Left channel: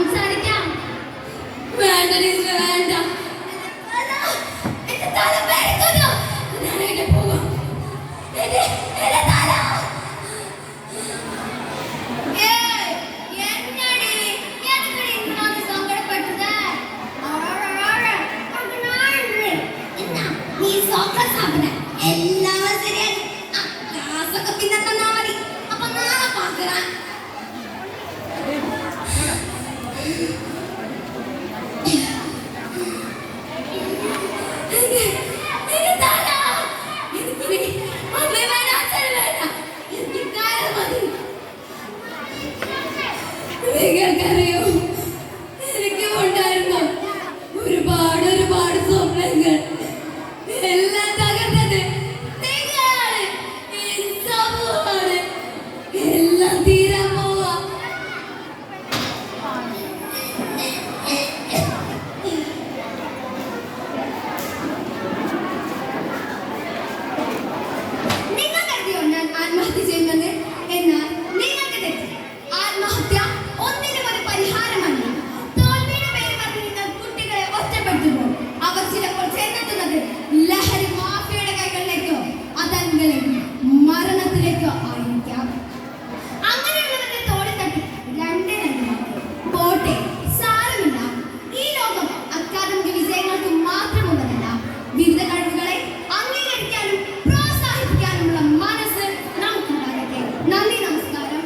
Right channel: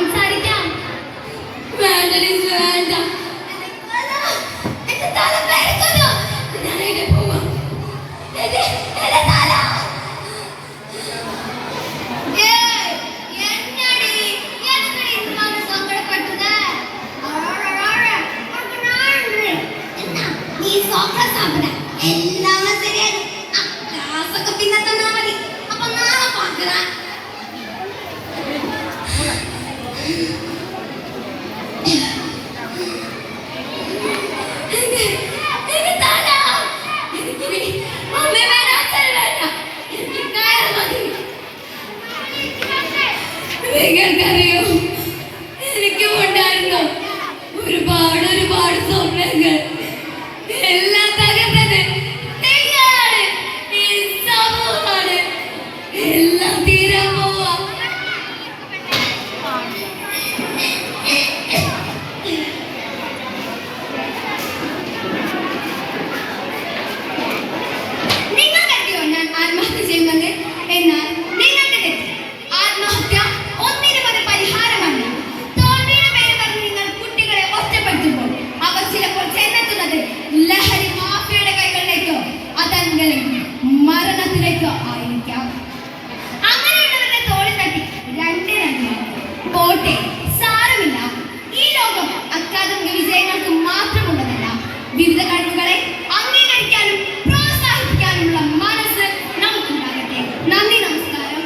സംസാരിക്കാം. വേണ്ട ടീച്ചർ, വേണ്ട. എന്റെ തല പെരക്കുന്നു. ഞാൻ എവിടെ പോവാം? എന്റെ തല. എല്ലാം ശരിയായി. ക്ലാസ്സൊക്കെ പിന്നെ തന്നാ മതി. അപ്പൊ നാളെ പാക്കറ. നിങ്ങൾക്കറിയോ, എനിക്കും ഉണ്ടായിരുന്നു ഒരുപാട് സ്വപ്നങ്ങൾ. എല്ലാം തകർന്നത് നിങ്ങളാണ്, ഈ സമൂഹമാണ്. എല്ലാം തീരാൻ പോവാ. നിങ്ങൾ കരുതിയോ ഞാൻ ആത്മഹത്യ ചെയ്യുമെന്ന്? എന്നാൽ നിങ്ങൾക്ക് തെറ്റി. ആത്മഹത്യ ഒന്നിനും ഒരു പരിഹാരമല്ല. തോൽവിയുടെ പേര് പറഞ്ഞ് നിങ്ങൾ കുട്ടികളെ ഒറ്റപ്പെടുത്തുമ്പോൾ അവർ ചിലപ്പോൾ ചെന്നെത്തുന്നത് ലഹരി മാഫിയയുടെ കൈകളിലേക്കോ അതല്ലെങ്കിൽ മരണത്തിലേക്കോ ആയിരിക്കാം. അങ്ങനെയുള്ളവരുടെ തോളിൽ തട്ടി പോട്ടെ, സാരമില്ല. ഈ ലോകം അക്കാദമിക വിജയങ്ങൾക്ക് മാത്രമുള്ളതല്ല. വിവിധ കഴിവുകളെ അംഗീകരിക്കാനും പ്രോത്സാഹിപ്പിക്കാനുമുള്ള മനസ്സ് നമുക്കുണ്ടാകട്ടെ. നന്ദി, നമസ്കാരം.